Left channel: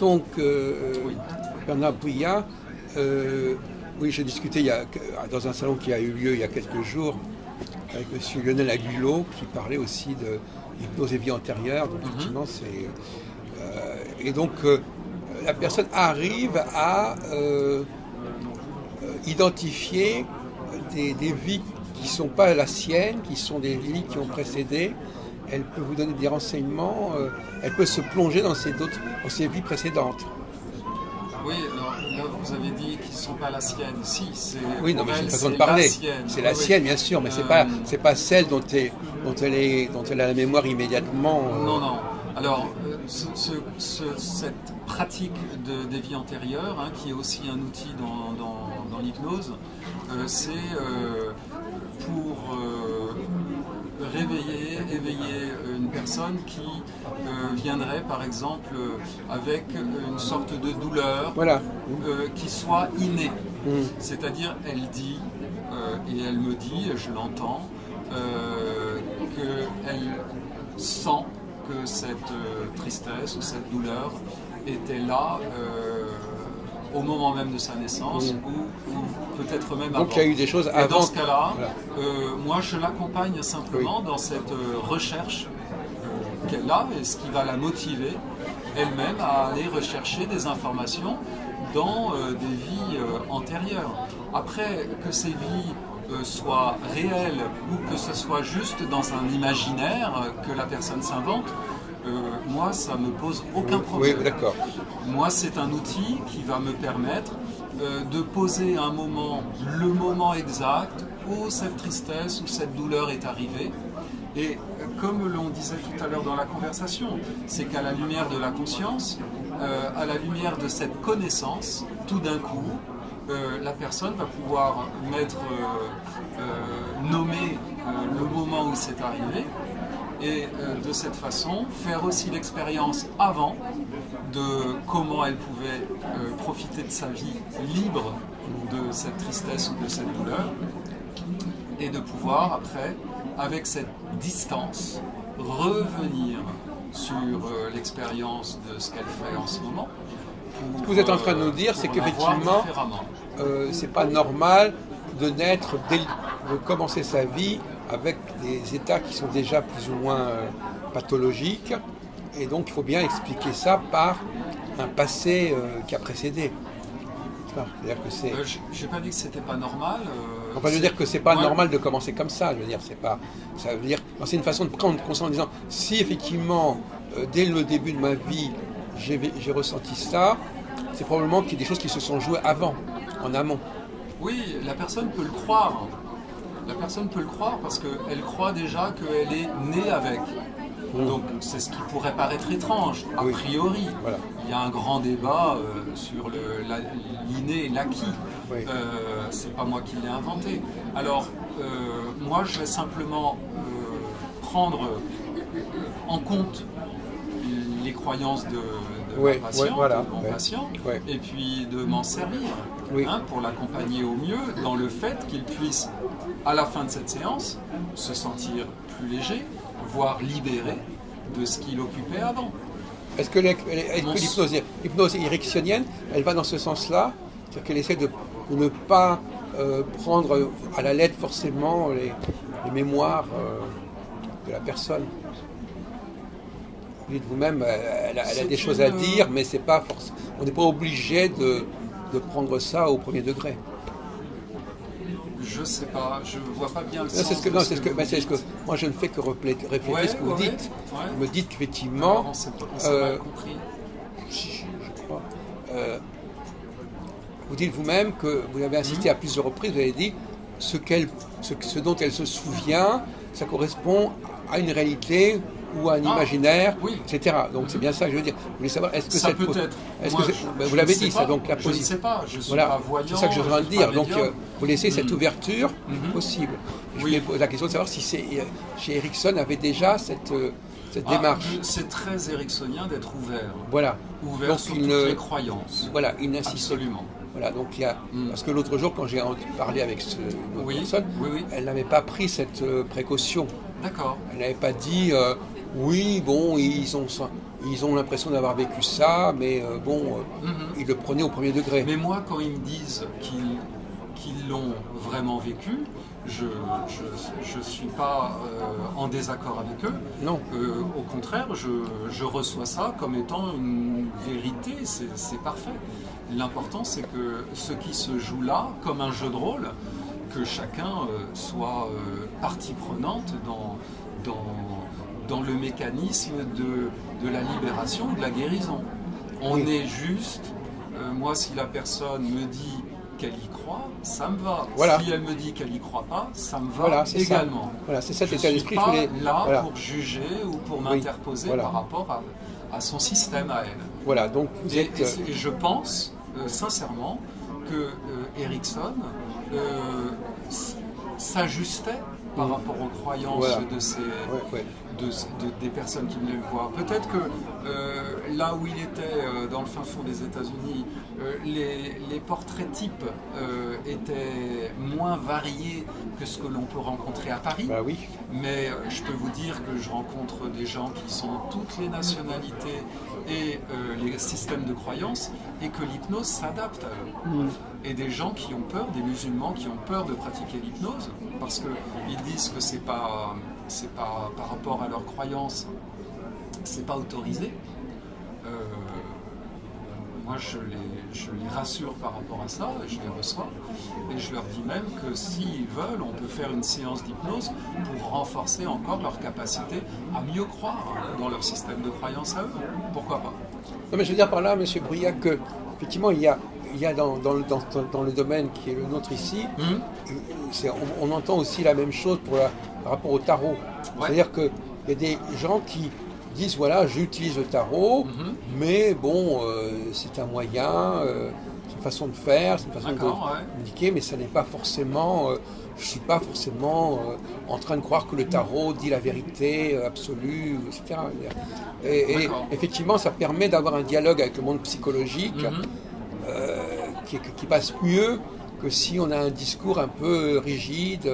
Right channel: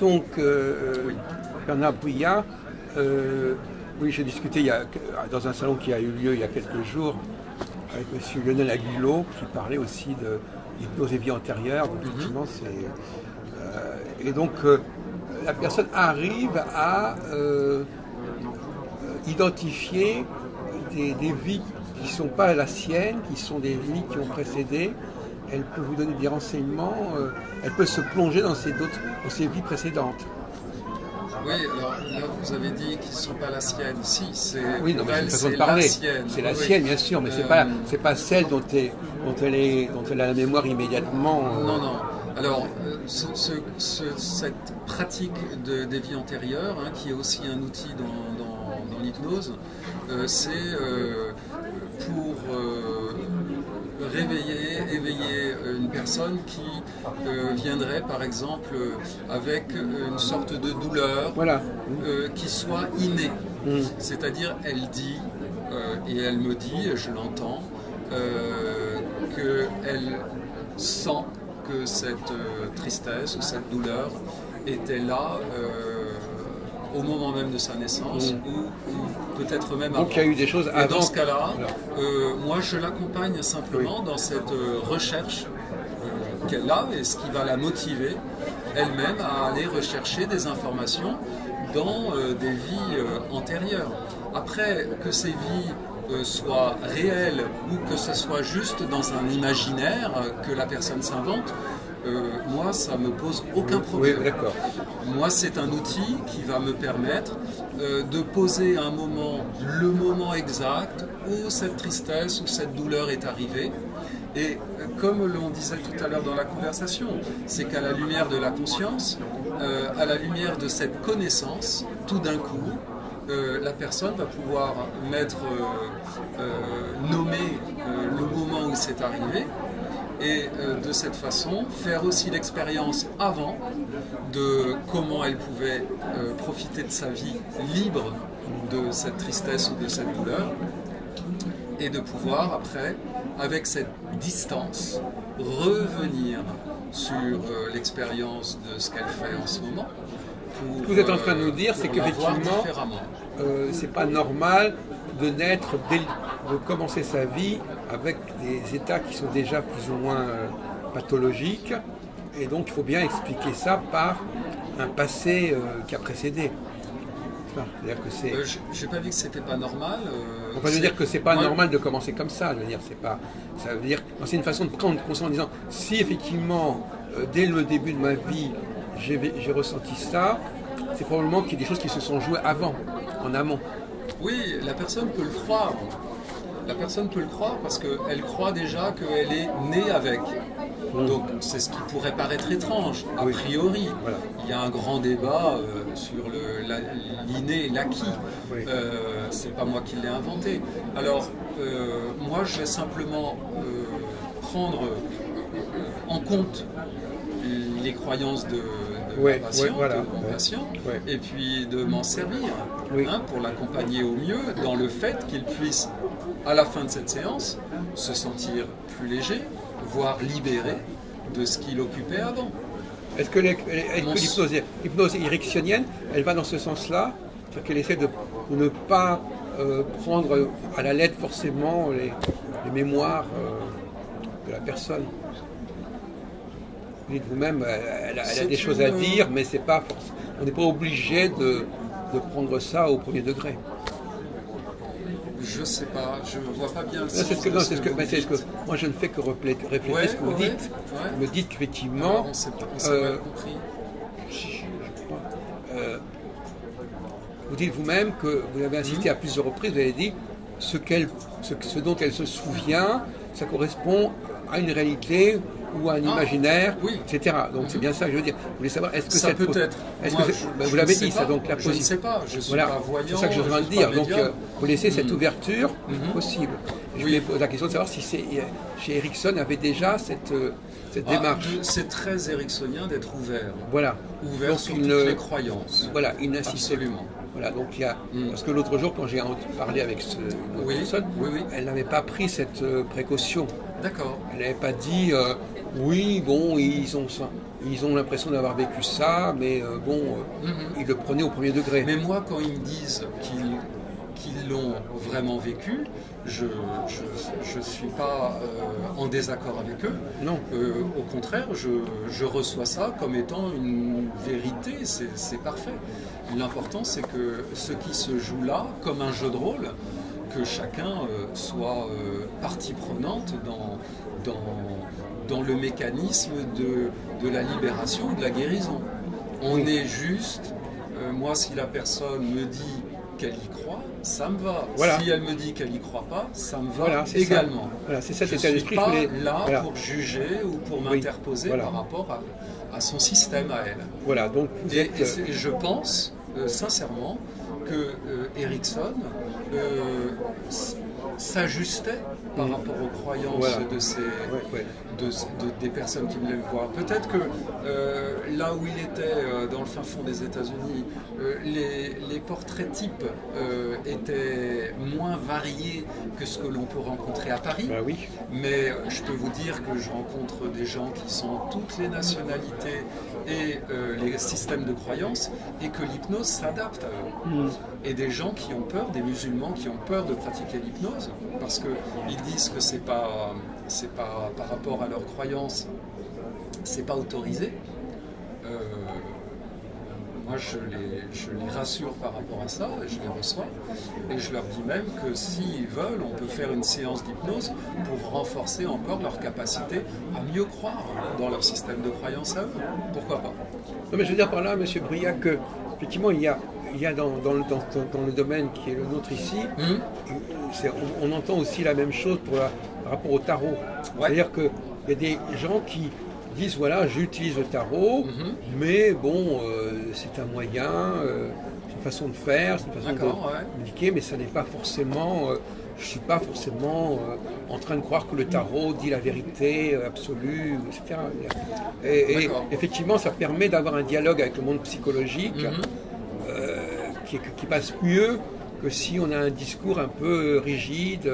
Donc, Oui. Bernard Bouillat, oui, j'ai discuté dans un salon qui a eu lieu il y a quelques jours avec M. Lionel Aguilot, qui parlait aussi de l'hypnose et vie antérieure. Donc, effectivement, et donc, la personne arrive à identifier des vies qui ne sont pas la sienne, qui sont des vies qui ont précédé. Elle peut vous donner des renseignements, elle peut se plonger dans ses vies précédentes. Oui, alors là, vous avez dit qu'ils ne sont pas la sienne. Si, c'est oui, non, pour mais elle, c'est une façon de c'est parler. la sienne. C'est la Oui. sienne, bien sûr, mais c'est pas celle dont elle a la mémoire immédiatement. Non, non. Alors, cette pratique des vies antérieures, hein, qui est aussi un outil dans l'hypnose, c'est pour éveiller une personne qui viendrait par exemple avec une sorte de douleur, voilà. qui soit innée. C'est-à-dire elle dit, et elle me dit, et je l'entends, qu'elle sent que cette tristesse ou cette douleur était là au moment même de sa naissance ou peut-être même avant. Donc il y a eu des choses avant. Et dans ce cas-là, voilà. moi je l'accompagne simplement dans cette recherche qu'elle a et ce qui va la motiver elle-même à aller rechercher des informations dans des vies antérieures. Après, que ces vies soient réelles ou que ce soit juste dans un imaginaire que la personne s'invente, moi ça me pose aucun problème. Oui, d'accord. Moi c'est un outil qui va me permettre de poser un moment, le moment exact où cette tristesse ou cette douleur est arrivée. Et comme l'on disait tout à l'heure dans la conversation, c'est qu'à la lumière de la conscience, à la lumière de cette connaissance, tout d'un coup, la personne va pouvoir nommer le moment où c'est arrivé et de cette façon faire aussi l'expérience avant de comment elle pouvait profiter de sa vie libre de cette tristesse ou de cette douleur et de pouvoir après, avec cette distance, revenir sur l'expérience de ce qu'elle fait en ce moment. Ce que vous êtes en train de nous dire, c'est qu'effectivement, c'est pas normal de naître, de commencer sa vie avec des états qui sont déjà plus ou moins pathologiques, et donc il faut bien expliquer ça par un passé qui a précédé. C'est-à-dire que c'est. J'ai pas dit que c'était pas normal. On va dire que c'est pas normal de commencer comme ça. Je veux dire, c'est pas. Ça veut dire, c'est une façon de prendre conscience en disant, si effectivement, dès le début de ma vie, j'ai ressenti ça, c'est probablement qu'il y a des choses qui se sont jouées avant, en amont. Oui, la personne peut le croire. La personne peut le croire parce qu'elle croit déjà qu'elle est née avec. Donc c'est ce qui pourrait paraître étrange, a priori. Voilà. Il y a un grand débat sur l'inné et l'acquis. Oui. C'est pas moi qui l'ai inventé. Alors, moi je vais simplement prendre en compte les croyances de ma patiente, voilà, de mon patient, et puis de m'en servir pour l'accompagner au mieux dans le fait qu'il puisse, à la fin de cette séance, se sentir plus léger, voire libéré de ce qu'il occupait avant. Est-ce que l'hypnose ericksonienne, elle va dans ce sens-là? C'est-à-dire qu'elle essaie de ne pas prendre à la lettre forcément les mémoires de la personne. Vous dites vous-même, elle a des choses à dire, mais c'est pas on n'est pas obligé de prendre ça au premier degré. Je sais pas, je vois pas bien le sens. C'est ce que moi je ne fais que réfléchir ce que vous dites. Vous me dites qu'effectivement, on s'est mal compris. Je crois. Vous dites vous-même que vous avez insisté à plusieurs reprises, vous avez dit ce dont elle se souvient, ça correspond à une réalité ou à un imaginaire, etc. Donc c'est bien ça que je veux dire. Vous voulez savoir, est-ce que ça peut être. Vous l'avez dit, ça, donc la position. Je ne sais pas, je suis pas voyant. C'est ça que je viens de dire. Donc vous laissez cette ouverture possible. Je me pose la question de savoir si chez Erickson avait déjà cette démarche. C'est très ericksonien d'être ouvert. Voilà. Ouvert donc, sur toutes les croyances. Voilà, il n'insiste absolument. Voilà, donc il y a, parce que l'autre jour, quand j'ai parlé avec cette personne, elle n'avait pas pris cette précaution. D'accord. Elle n'avait pas dit oui, bon, ils ont. ils ont l'impression d'avoir vécu ça, mais ils le prenaient au premier degré. Mais moi, quand ils me disent qu'ils l'ont vraiment vécu, je ne suis pas en désaccord avec eux. Non. Au contraire, je reçois ça comme étant une vérité, c'est parfait. L'important, c'est que ce qui se joue là, comme un jeu de rôle, que chacun soit partie prenante dans le mécanisme de la libération ou de la guérison. On est juste, moi, si la personne me dit qu'elle y croit, ça me va. Voilà. Si elle me dit qu'elle n'y croit pas, ça me va également. Voilà, c'est cet état d'esprit. Je ne suis pas là pour juger ou pour m'interposer par rapport à son système à elle. Voilà, donc et je pense sincèrement que Erikson s'ajustait par rapport aux croyances des personnes qui venaient le voir. Peut-être que là où il était, dans le fin fond des États-Unis, les portraits types étaient moins variés que ce que l'on peut rencontrer à Paris. Bah oui. Mais je peux vous dire que je rencontre des gens qui sont toutes les nationalités et les systèmes de croyances, et que l'hypnose s'adapte à eux. Et des gens qui ont peur, des musulmans qui ont peur de pratiquer l'hypnose, parce qu'ils disent que c'est pas par rapport à leurs croyances, c'est pas autorisé. Moi, je les rassure par rapport à ça, et je les reçois, et je leur dis même que s'ils veulent, on peut faire une séance d'hypnose pour renforcer encore leur capacité à mieux croire dans leur système de croyance à eux. Pourquoi pas? Non, mais je veux dire par là, M. Briac, que effectivement, il y a dans le domaine qui est le nôtre ici, on entend aussi la même chose par rapport au tarot. C'est-à-dire qu'il y a des gens qui disent, voilà, j'utilise le tarot, mais bon, c'est un moyen, c'est une façon de faire, c'est une façon de communiquer, mais ça n'est pas forcément, je ne suis pas forcément en train de croire que le tarot dit la vérité absolue, etc. Et effectivement, ça permet d'avoir un dialogue avec le monde psychologique qui passe mieux que si on a un discours un peu rigide,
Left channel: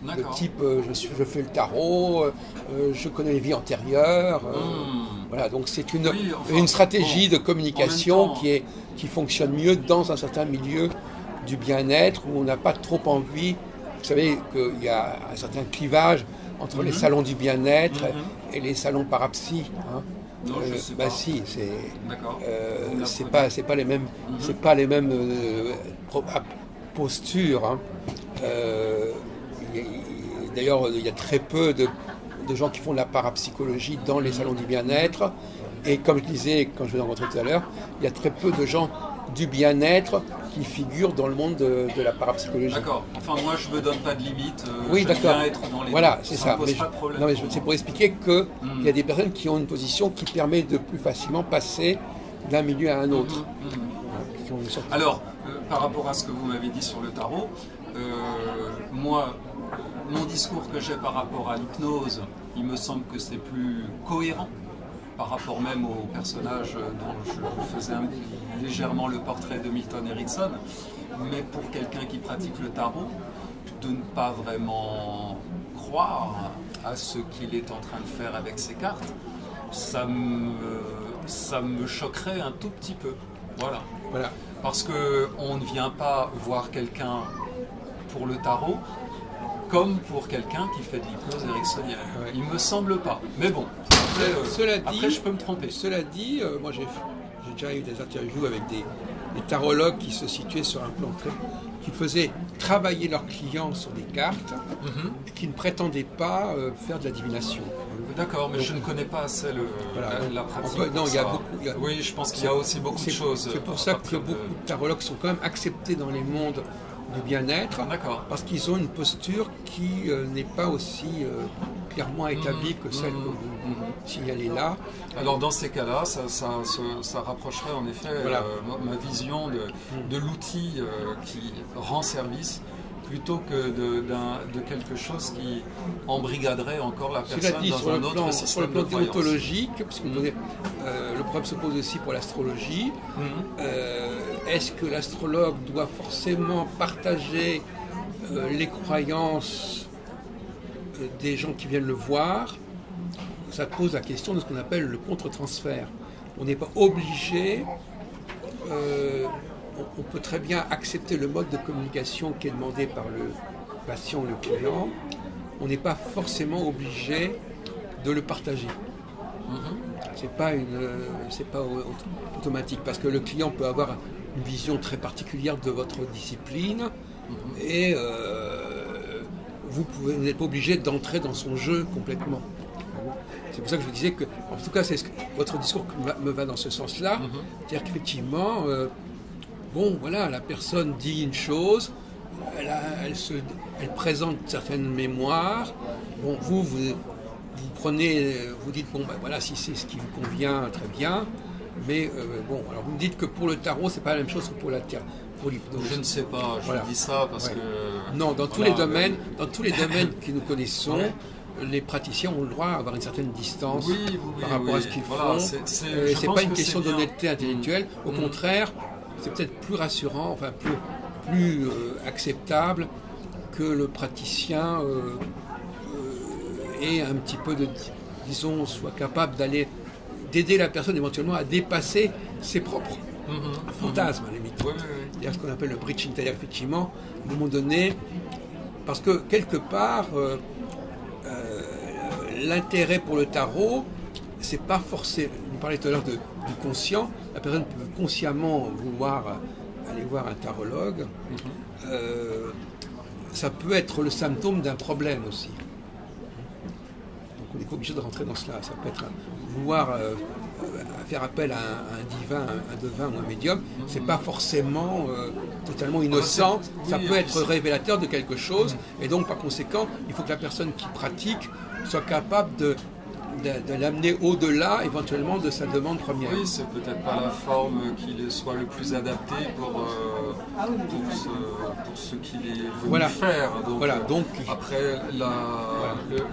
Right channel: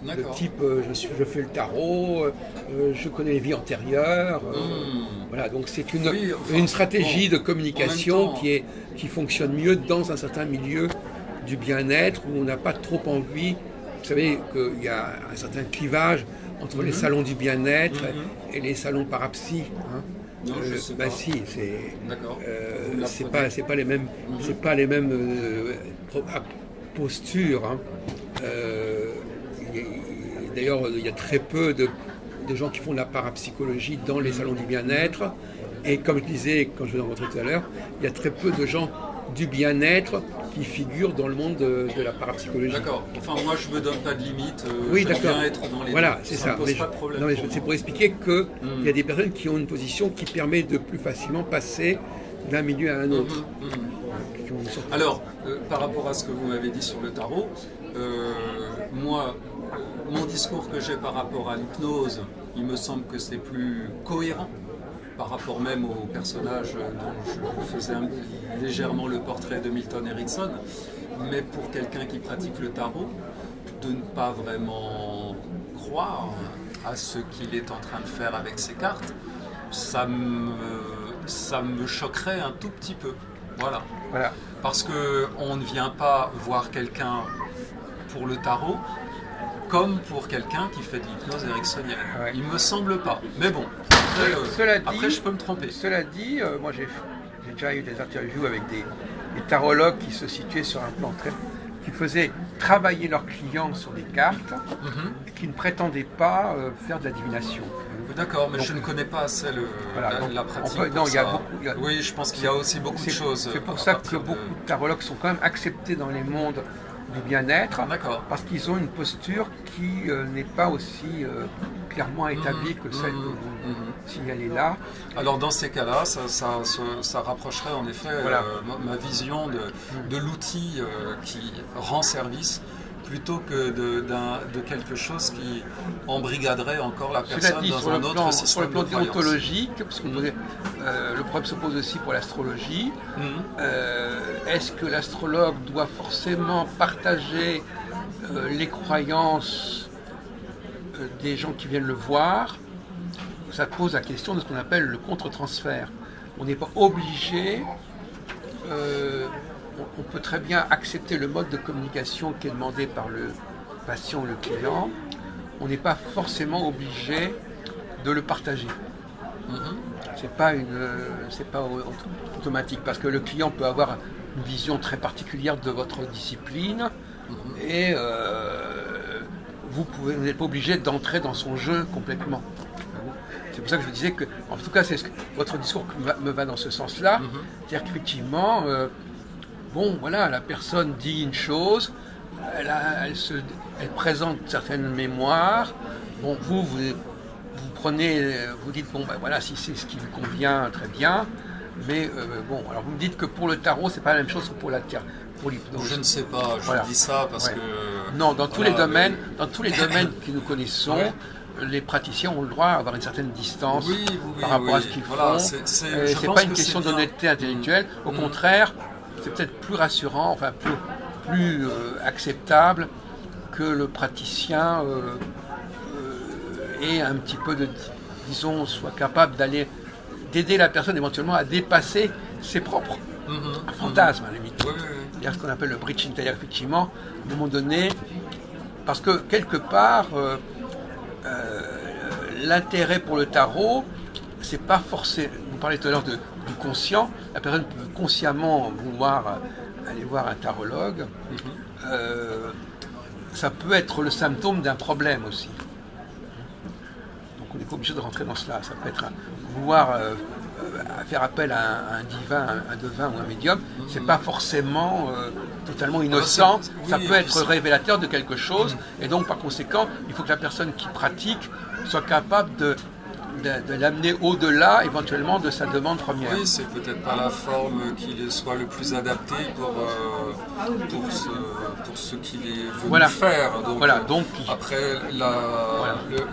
de type je fais le tarot, je connais les vies antérieures. Voilà, donc c'est une stratégie de communication qui fonctionne mieux dans un certain milieu du bien-être où on n'a pas trop envie. Vous savez qu'il y a un certain clivage entre les salons du bien-être et les salons parapsy. Non, je sais pas. Si, c'est. D'accord. C'est pas les mêmes. C'est pas les mêmes postures. D'ailleurs, il y a très peu de gens qui font de la parapsychologie dans les salons du bien-être. Et comme je disais, quand je l'ai rencontré tout à l'heure, il y a très peu de gens du bien-être qui figurent dans le monde de la parapsychologie. D'accord. Enfin, moi, je me donne pas de limite. Oui, d'accord. Bien être dans les voilà, c'est ça. Pose pas de problème. Non, mais c'est pour expliquer qu'il y a des personnes qui ont une position qui permet de plus facilement passer d'un milieu à un autre. Alors, par rapport à ce que vous m'avez dit sur le tarot, moi, mon discours que j'ai par rapport à l'hypnose, il me semble que c'est plus cohérent par rapport même au personnage dont je faisais légèrement le portrait de Milton Erickson. Mais pour quelqu'un qui pratique le tarot, de ne pas vraiment croire à ce qu'il est en train de faire avec ses cartes, ça me choquerait un tout petit peu. Voilà. Parce qu'on ne vient pas voir quelqu'un pour le tarot comme pour quelqu'un qui fait de l'hypnose ericksonienne. Il me semble pas. Mais bon, après je peux me tromper. Cela dit, moi j'ai déjà eu des interviews avec des tarologues qui se situaient sur un plan qui faisaient travailler leurs clients sur des cartes, qui ne prétendaient pas faire de la divination. D'accord, mais donc, je ne connais pas assez la pratique. Oui, je pense qu'il y a aussi beaucoup de choses. C'est pour ça que beaucoup de tarologues sont quand même acceptés dans les mondes du bien-être, parce qu'ils ont une posture qui n'est pas aussi clairement établie que celle que vous signalez là. Alors dans ces cas-là, ça rapprocherait en effet ma vision de l'outil qui rend service, plutôt que de quelque chose qui embrigaderait encore la personne dans un autre système. Sur le plan déontologique, parce que le problème se pose aussi pour l'astrologie, est-ce que l'astrologue doit forcément partager les croyances des gens qui viennent le voir, ça pose la question de ce qu'on appelle le contre-transfert. On n'est pas obligé, on peut très bien accepter le mode de communication qui est demandé par le patient ou le client. On n'est pas forcément obligé de le partager. C'est pas automatique, parce que le client peut avoir une vision très particulière de votre discipline et vous n'êtes pas obligé d'entrer dans son jeu complètement. C'est pour ça que je vous disais que, en tout cas, votre discours me va dans ce sens-là. C'est-à-dire qu'effectivement, voilà, la personne dit une chose, elle présente certaines mémoires. Bon, vous prenez, vous dites, voilà, si c'est ce qui vous convient, très bien. Mais alors vous me dites que pour le tarot, c'est pas la même chose que pour la terre. Pour l'hypnose. Je ne sais pas, je dis ça parce que... Non, dans tous les domaines que nous connaissons, les praticiens ont le droit d'avoir une certaine distance par rapport à ce qu'ils font. C'est pas une question d'honnêteté intellectuelle. Au contraire, c'est peut-être plus rassurant, enfin plus acceptable que le praticien ait un petit peu soit capable d'aider la personne éventuellement à dépasser ses propres fantasmes, à la limite. Il y a ce qu'on appelle le bridging, c'est-à-dire effectivement, à un moment donné, parce que quelque part, l'intérêt pour le tarot, c'est pas forcément. Vous parlez tout à l'heure du conscient. La personne peut consciemment vouloir aller voir un tarologue. Ça peut être le symptôme d'un problème aussi. Donc on n'est pas obligé de rentrer dans cela. Ça peut être vouloir faire appel à un divin, un devin ou un médium. C'est pas forcément totalement innocent. Ça peut être révélateur de quelque chose. Et donc par conséquent, il faut que la personne qui pratique soit capable de l'amener au-delà éventuellement de sa demande première. Oui, c'est peut-être pas la forme qui soit le plus adaptée pour ce qu'il est venu faire. Donc, après,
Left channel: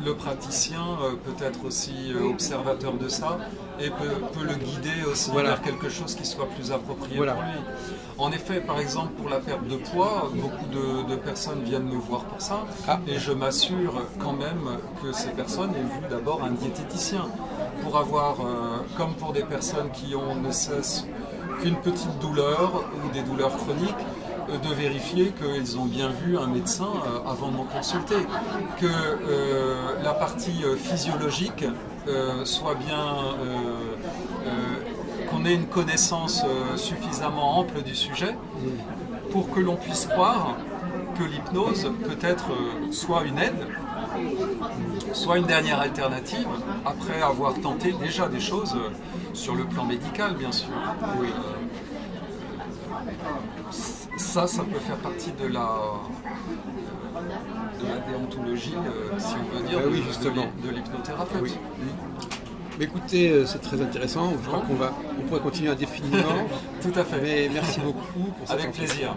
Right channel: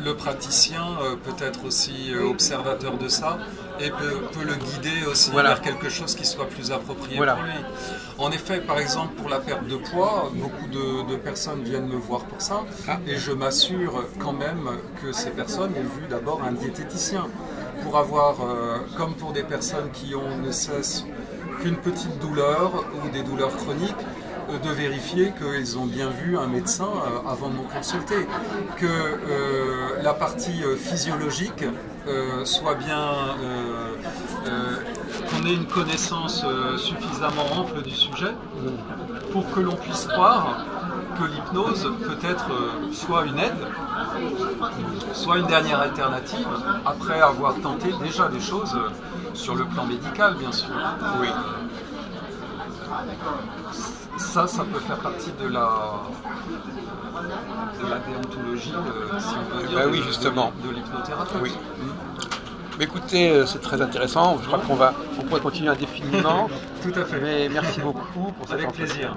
le praticien peut être aussi observateur de ça et peut le guider aussi vers quelque chose qui soit plus approprié pour lui. En effet, par exemple, pour la perte de poids, beaucoup de personnes viennent me voir pour ça et je m'assure quand même que ces personnes ont vu d'abord un diététicien pour avoir, comme pour des personnes qui ont ne cesse qu'une petite douleur ou des douleurs chroniques, de vérifier qu'ils ont bien vu un médecin avant de m'en consulter, que la partie physiologique soit bien, qu'on ait une connaissance suffisamment ample du sujet pour que l'on puisse croire que l'hypnose peut être soit une aide, soit une dernière alternative, après avoir tenté déjà des choses sur le plan médical, bien sûr. Ça peut faire partie de la déontologie, si on peut dire, de l'hypnothérapeute. Mais écoutez, c'est très intéressant. Je crois qu'on pourrait continuer indéfiniment. Tout à fait. Mais merci beaucoup pour cette Avec plaisir.